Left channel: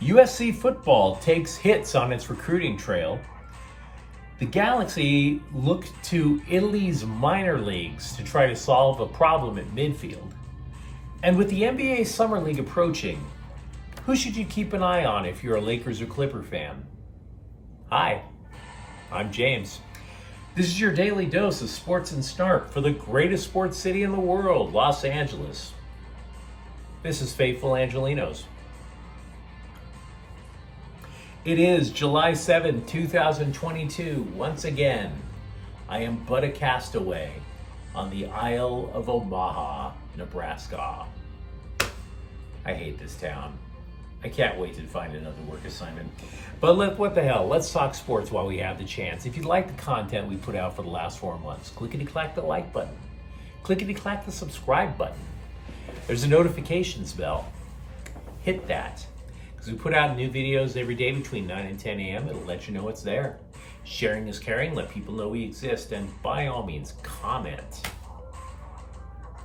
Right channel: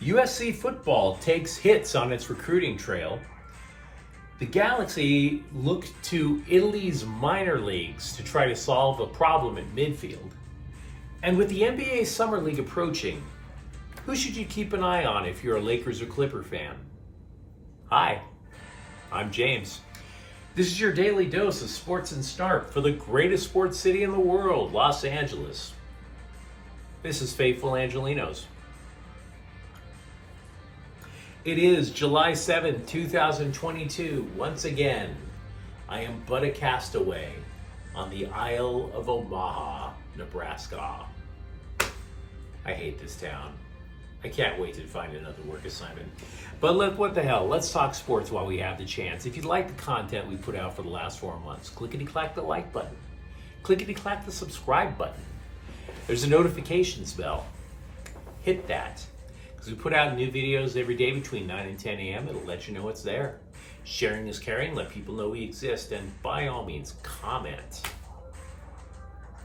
USC football takes hits on its recruiting trail. The Galaxy looked to Italy's minor leagues to try to solve a problem at midfield. And with the NBA Summer League approaching, who should you keep an eye on if you're a Lakers or Clipper fan? Hi, I'm James. This is your daily dose of sports and snark for the greatest sports city in the world, Los Angeles. This is Faithful Angelenos. It is July 7, 2022. Once again, I am but a castaway on the Isle of Omaha, Nebraska. I hate this town. I can't wait to find another work assignment. But what the hell, let's talk sports while we have the chance. If you'd like the content we put out for the last 4 months, clickety-clack the like button. Clickety-clack the subscribe button. There's a notifications bell. Hit that. Because we put out new videos every day between 9 and 10 a.m. It'll let you know it's there. Sharing is caring. Let people know we exist. And by all means, comment.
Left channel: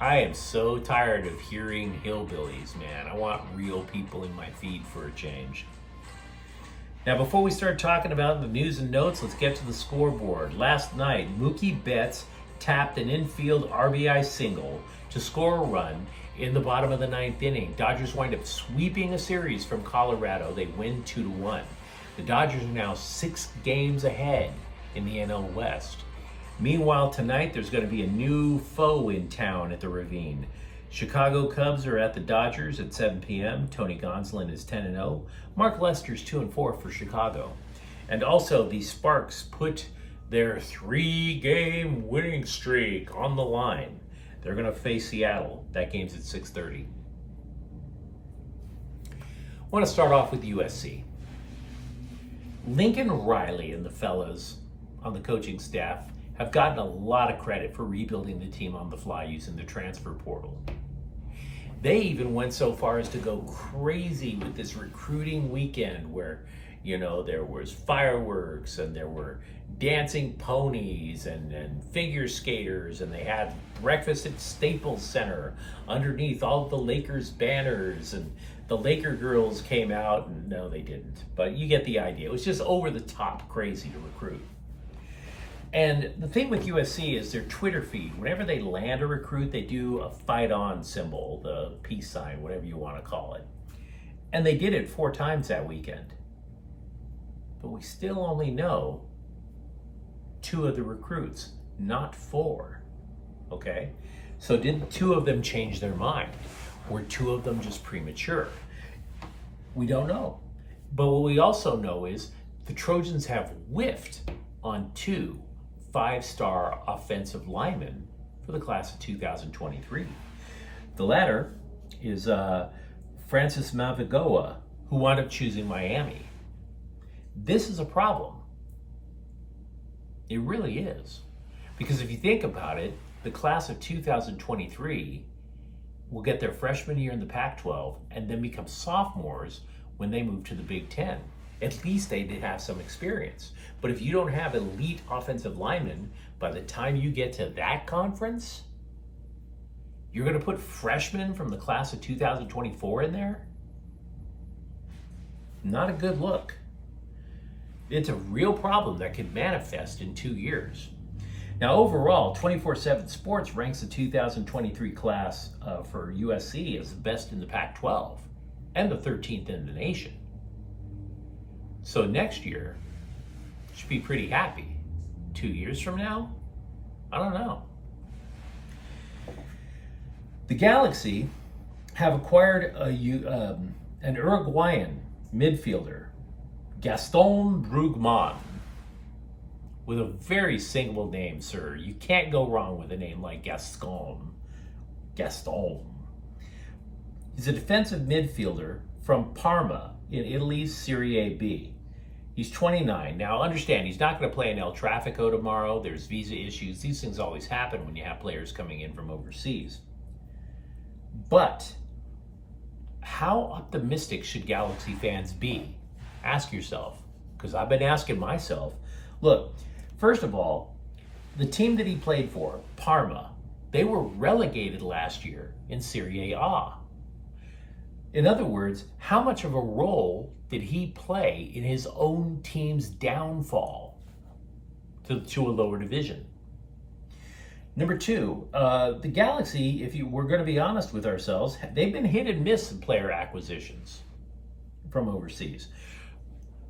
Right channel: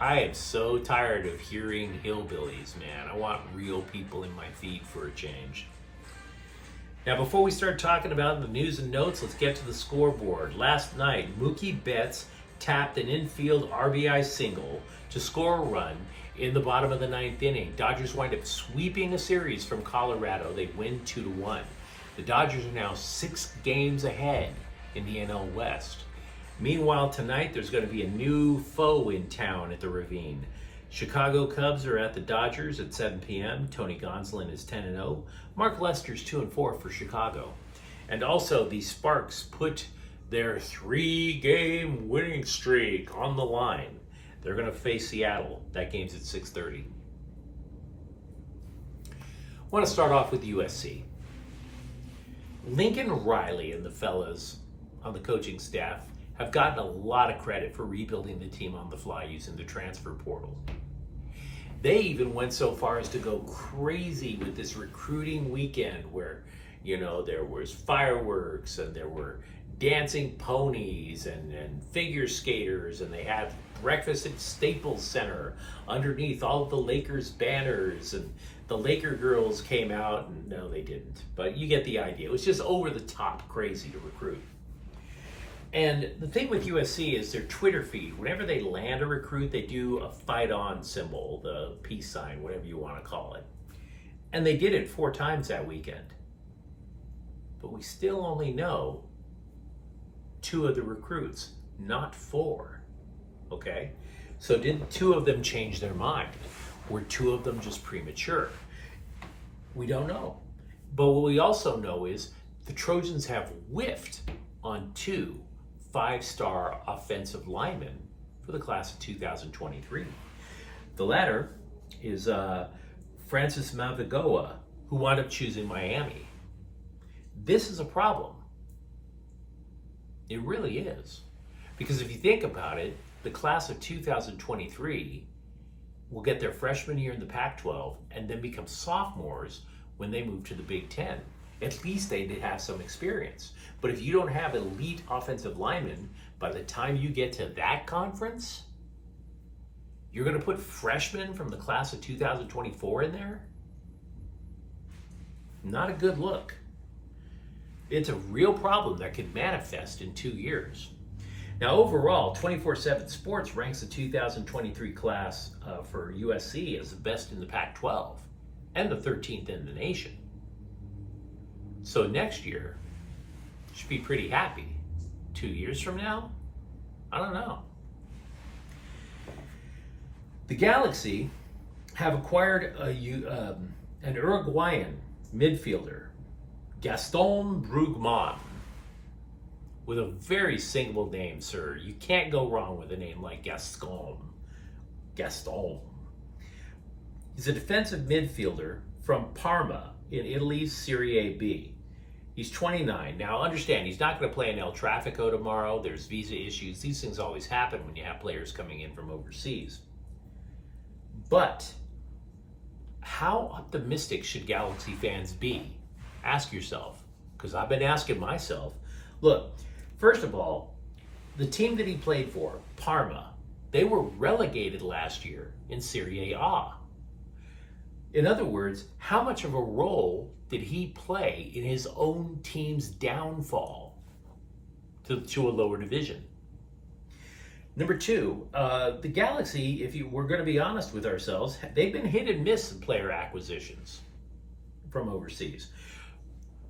I am so tired of hearing hillbillies, man. I want real people in my feed for a change. Now, before we start talking about the news and notes, let's get to the scoreboard. Last night, Mookie Betts tapped an infield RBI single to score a run in the bottom of the 9th inning. Dodgers wind up sweeping a series from Colorado. They win 2-1. The Dodgers are now 6 games ahead in the NL West. Meanwhile, tonight, there's going to be a new foe in town at the Ravine. Chicago Cubs are at the Dodgers at 7 p.m. Tony Gonsolin is 10-0. Mark Lester's 2-4 for Chicago. And also, the Sparks put their 3-game winning streak on the line. They're going to face Seattle. That game's at 6:30. I want to start off with USC. Lincoln Riley and the fellas on the coaching staff have gotten a lot of credit for rebuilding the team on the fly using the transfer portal. They even went so far as to go crazy with this recruiting weekend where, there was fireworks and there were dancing ponies and figure skaters, and they had breakfast at Staples Center underneath all of the Lakers banners, and the Laker girls came out, and no, they didn't, but you get the idea. It was just over the top crazy to recruit. And the thing with USC is their Twitter feed. Whenever they land a recruit, they do a fight on symbol, the peace sign, whatever you want to call it. And they did it 4 times that weekend. But we still only know 2 of the recruits, not 4. Okay? So did 2 of them change their mind? Were 2 of them just premature? We don't know. But what we also know is the Trojans have whiffed on 2 5-star offensive linemen for the class of 2023. The latter is Francis Mavigoa, who wound up choosing Miami. This is a problem. It really is. Because if you think about it, the class of 2023 will get their freshman year in the Pac-12 and then become sophomores when they move to the Big Ten. At least they did have some experience. But if you don't have elite offensive linemen, by the time you get to that conference, you're going to put freshmen from the class of 2024 in there? Not a good look. It's a real problem that could manifest in 2 years. Now, overall, 24/7 Sports ranks the 2023 class for USC as the best in the Pac-12 and the 13th in the nation. So next year, should be pretty happy. 2 years from now? I don't know. The Galaxy have acquired an Uruguayan midfielder, Gaston Brugman, with a very singable name, sir. You can't go wrong with a name like Gaston. Gaston. He's a defensive midfielder from Parma in Italy's Serie A B. He's 29. Now, understand, he's not going to play in El Tráfico tomorrow. There's visa issues. These things always happen when you have players coming in from overseas. But how optimistic should Galaxy fans be? Ask yourself, because I've been asking myself. Look, first of all, the team that he played for, Parma, they were relegated last year in Serie A. In other words, how much of a role did he play in his own team's downfall to a lower division? Number two, the Galaxy, if we're going to be honest with ourselves, they've been hit and miss in player acquisitions from overseas.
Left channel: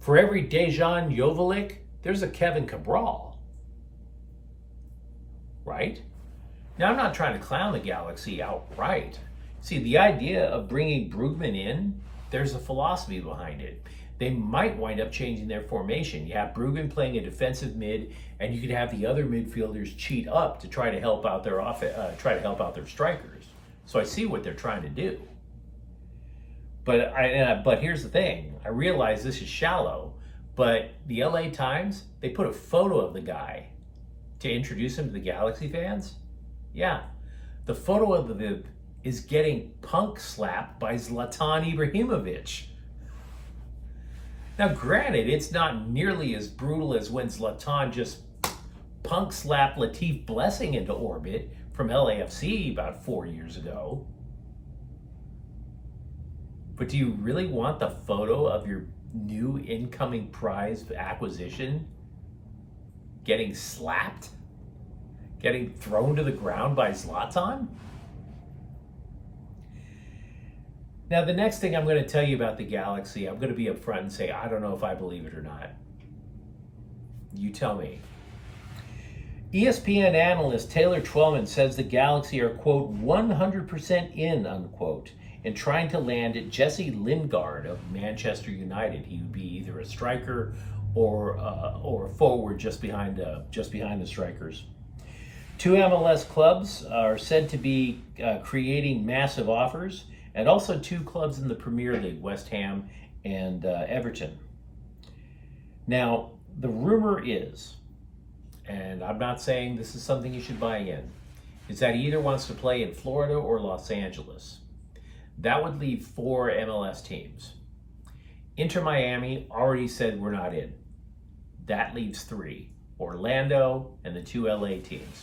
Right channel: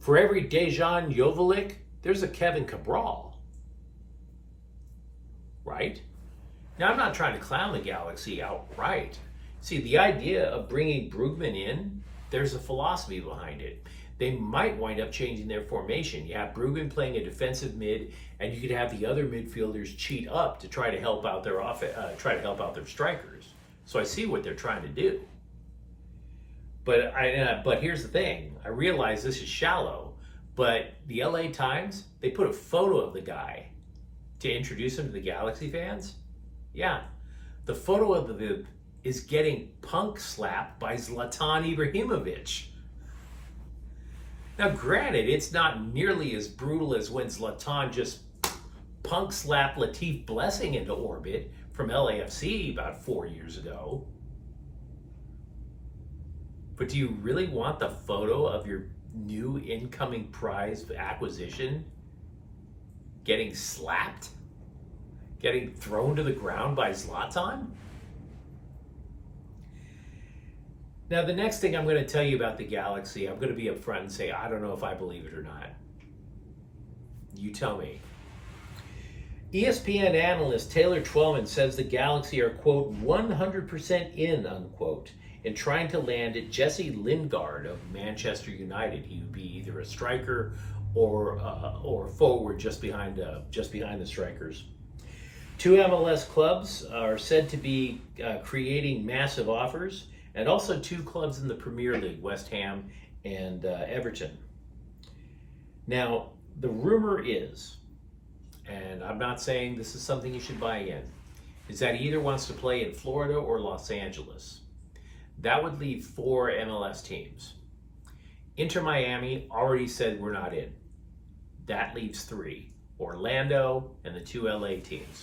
For every Dejan Joveljic, there's a Kevin Cabral, right? Now, I'm not trying to clown the Galaxy outright. See, the idea of bringing Brugman in, there's a philosophy behind it. They might wind up changing their formation. You have Brugman playing a defensive mid, and you could have the other midfielders cheat up to try to help out their their strikers. So I see what they're trying to do. But here's the thing. I realize this is shallow, but the LA Times, they put a photo of the guy to introduce him to the Galaxy fans. Yeah, the photo of the Vib is getting punk slapped by Zlatan Ibrahimovic. Now, granted, it's not nearly as brutal as when Zlatan just punk slapped Latif Blessing into orbit from LAFC about 4 years ago. But do you really want the photo of your new incoming prize acquisition getting slapped? Getting thrown to the ground by Zlatan? Now, the next thing I'm going to tell you about the Galaxy, I'm going to be upfront and say, I don't know if I believe it or not. You tell me. ESPN analyst Taylor Twellman says the Galaxy are, quote, 100% in, unquote, in trying to land Jesse Lingard of Manchester United. He would be either a striker or a forward just behind the strikers. 2 MLS clubs are said to be creating massive offers, and also 2 clubs in the Premier League, West Ham and Everton. Now, the rumor is, and I'm not saying this is something you should buy in, is that he either wants to play in Florida or Los Angeles. That would leave 4 MLS teams. Inter Miami already said we're not in. That leaves 3, Orlando and the 2 LA teams.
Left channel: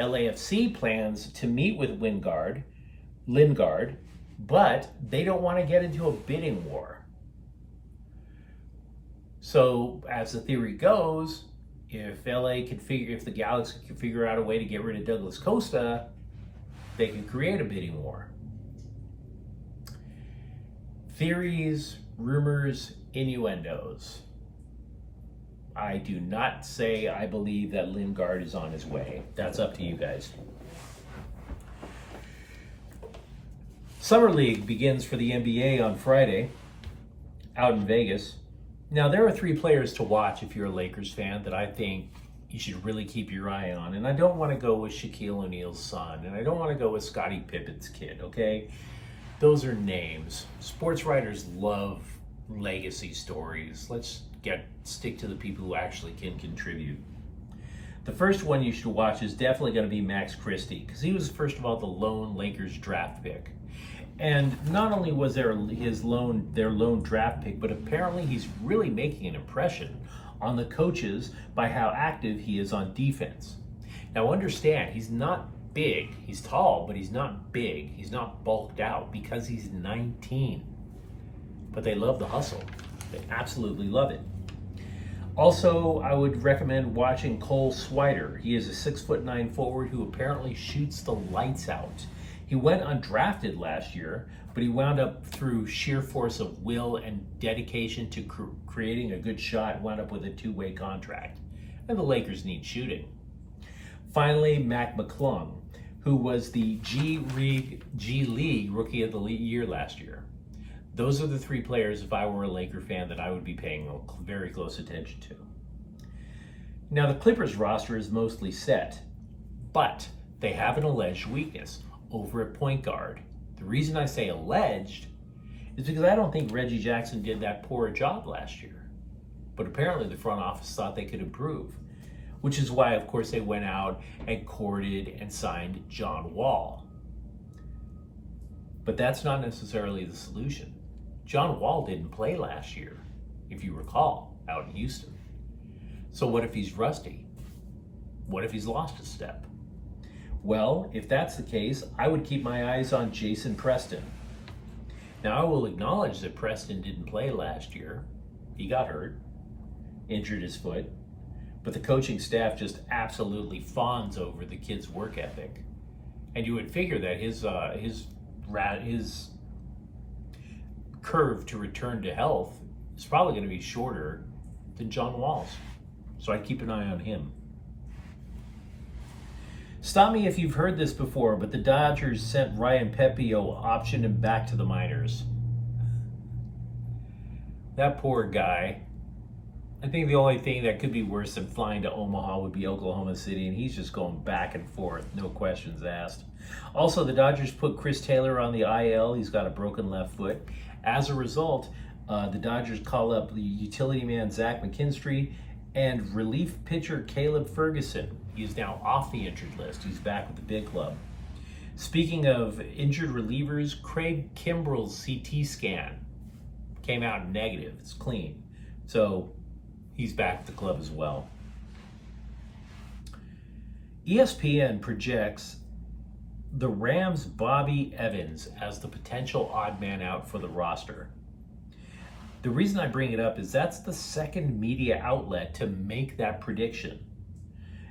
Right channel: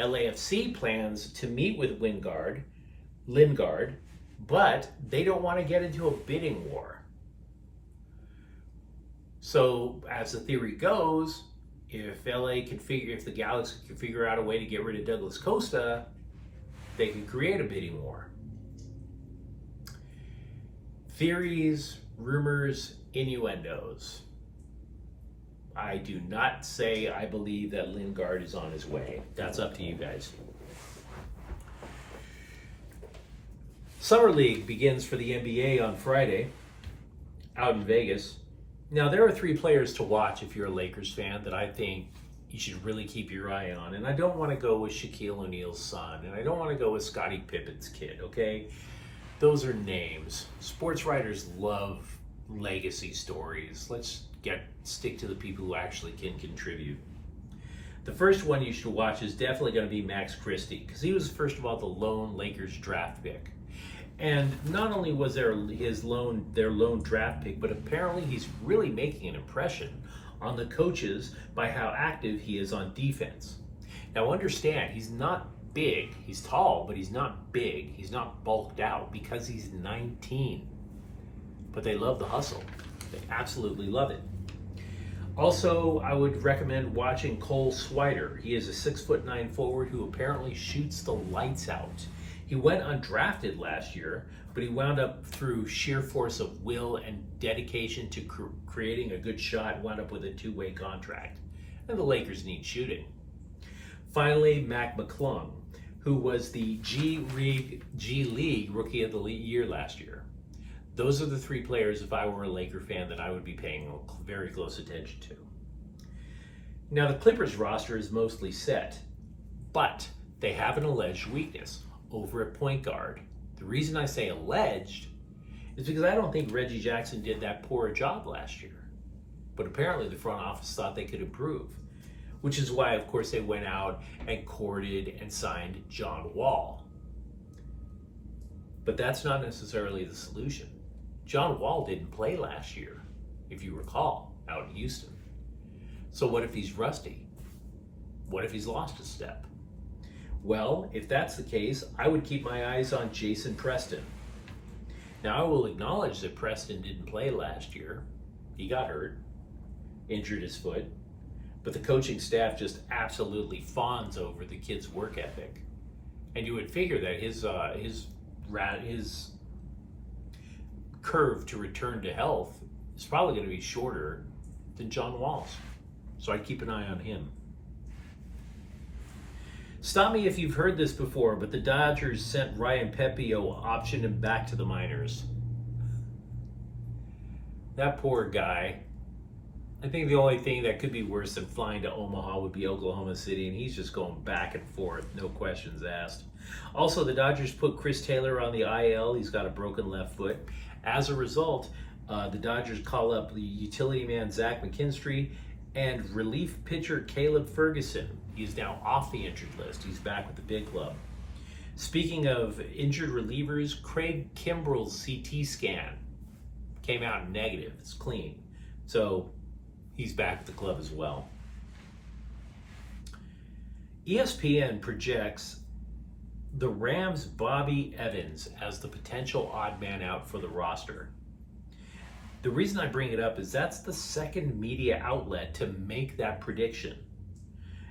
LAFC plans to meet with Lingard, but they don't want to get into a bidding war. So, as the theory goes, if the Galaxy can figure out a way to get rid of Douglas Costa, they can create a bidding war. Theories, rumors, innuendos. I do not say I believe that Lingard is on his way. That's up to you guys. Summer League begins for the NBA on Friday out in Vegas. Now, there are 3 players to watch if you're a Lakers fan that I think you should really keep your eye on. And I don't want to go with Shaquille O'Neal's son, and I don't want to go with Scottie Pippen's kid, okay? Those are names. Sports writers love legacy stories. Let's stick to the people who actually can contribute. The first one you should watch is definitely going to be Max Christie, because he was, first of all, the lone Lakers draft pick. And not only was their lone draft pick, but apparently he's really making an impression on the coaches by how active he is on defense. Now understand, he's not big. He's tall, but he's not big. He's not bulked out because he's 19. But they love the hustle. They absolutely love it. Also, I would recommend watching Cole Swider. He is a 6'9" forward who apparently shoots the lights out. He went undrafted last year, but he wound up through sheer force of will and dedication to creating a good shot, wound up with a 2-way contract. And the Lakers need shooting. Finally, Mac McClung, who was the G League Rookie of the Year last year. Those are the 3 players, if I were a Laker fan, that I would be paying very close attention to. Now, the Clippers roster is mostly set, but they have an alleged weakness over at point guard. The reason I say alleged is because I don't think Reggie Jackson did that poor a job last year. But apparently the front office thought they could improve, which is why, of course, they went out and courted and signed John Wall. But that's not necessarily the solution. John Wall didn't play last year, if you recall, out in Houston. So what if he's rusty? What if he's lost a step? Well, if that's the case, I would keep my eyes on Jason Preston. Now, I will acknowledge that Preston didn't play last year. He got hurt, injured his foot, but the coaching staff just absolutely fawns over the kid's work ethic. And you would figure that his curve to return to health is probably going to be shorter than John Wall's. So I'd keep an eye on him. Stop me if you've heard this before, but the Dodgers sent Ryan Pepio, optioned him back to the minors. That poor guy. I think the only thing that could be worse than flying to Omaha would be Oklahoma City, and he's just going back and forth, no questions asked. Also, the Dodgers put Chris Taylor on the IL. He's got a broken left foot. As a result, the Dodgers call up the utility man Zach McKinstry and relief pitcher Caleb Ferguson. He's now off the injured list. He's back with the big club. Speaking of injured relievers, Craig Kimbrell's CT scan came out negative. It's clean. So he's back with the club as well. ESPN projects the Rams' Bobby Evans as the potential odd man out for the roster. The reason I bring it up is that's the second media outlet to make that prediction.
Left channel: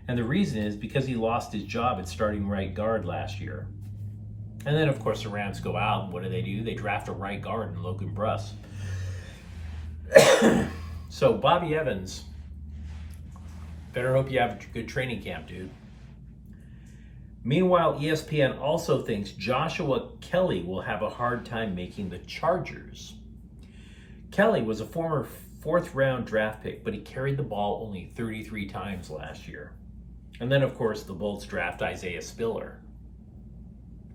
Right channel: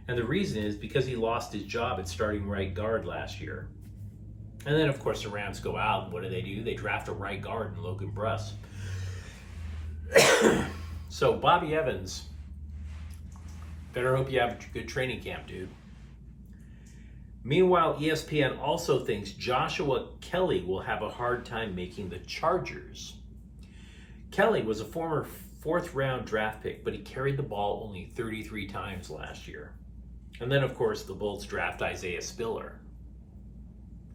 And the reason is because he lost his job at starting right guard last year. And then, of course, the Rams go out, and what do? They draft a right guard in Logan Bruss. So, Bobby Evans, better hope you have a good training camp, dude. Meanwhile, ESPN also thinks Joshua Kelly will have a hard time making the Chargers. Kelly was a former fourth-round draft pick, but he carried the ball only 33 times last year. And then, of course, the Bolts draft Isaiah Spiller.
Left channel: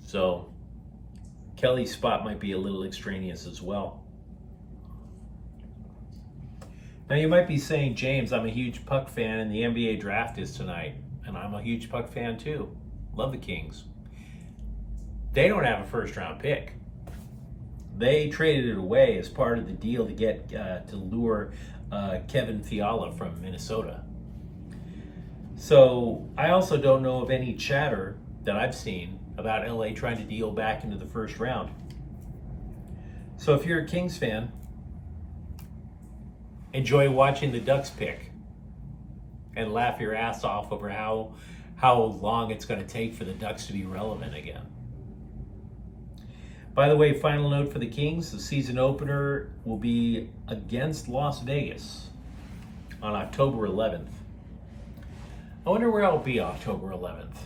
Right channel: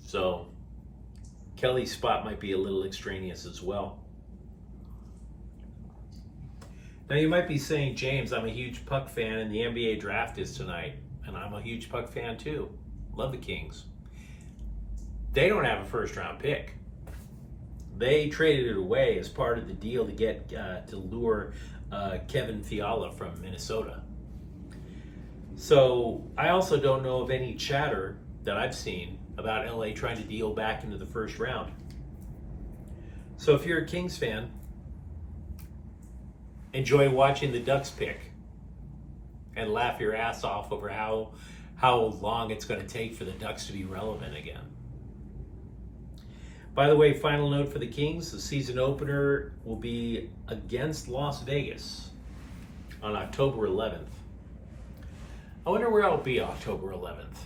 So, Kelly's spot might be a little extraneous as well. Now, you might be saying, James, I'm a huge Puck fan and the NBA draft is tonight. And I'm a huge Puck fan too. Love the Kings. They don't have a first-round pick. They traded it away as part of the deal to get to lure Kevin Fiala from Minnesota. So I also don't know of any chatter that I've seen about LA trying to deal back into the first round. So if you're a Kings fan, enjoy watching the Ducks pick and laugh your ass off over how long it's going to take for the Ducks to be relevant again. By the way, final note for the Kings, the season opener will be against Las Vegas on October 11th. I wonder where I'll be October 11th.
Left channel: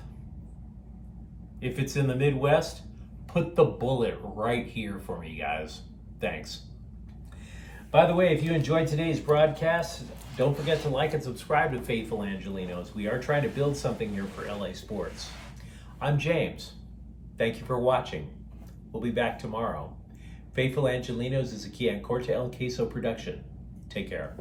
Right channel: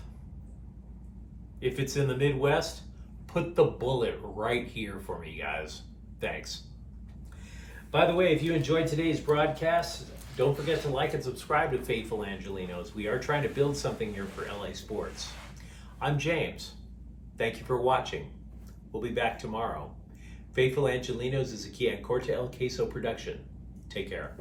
If it's in the Midwest, put the bullet right here for me, guys. Thanks. By the way, if you enjoyed today's broadcast, don't forget to like and subscribe to Faithful Angelenos. We are trying to build something here for LA sports. I'm James. Thank you for watching. We'll be back tomorrow. Faithful Angelenos is a Kian Corte El Queso production. Take care.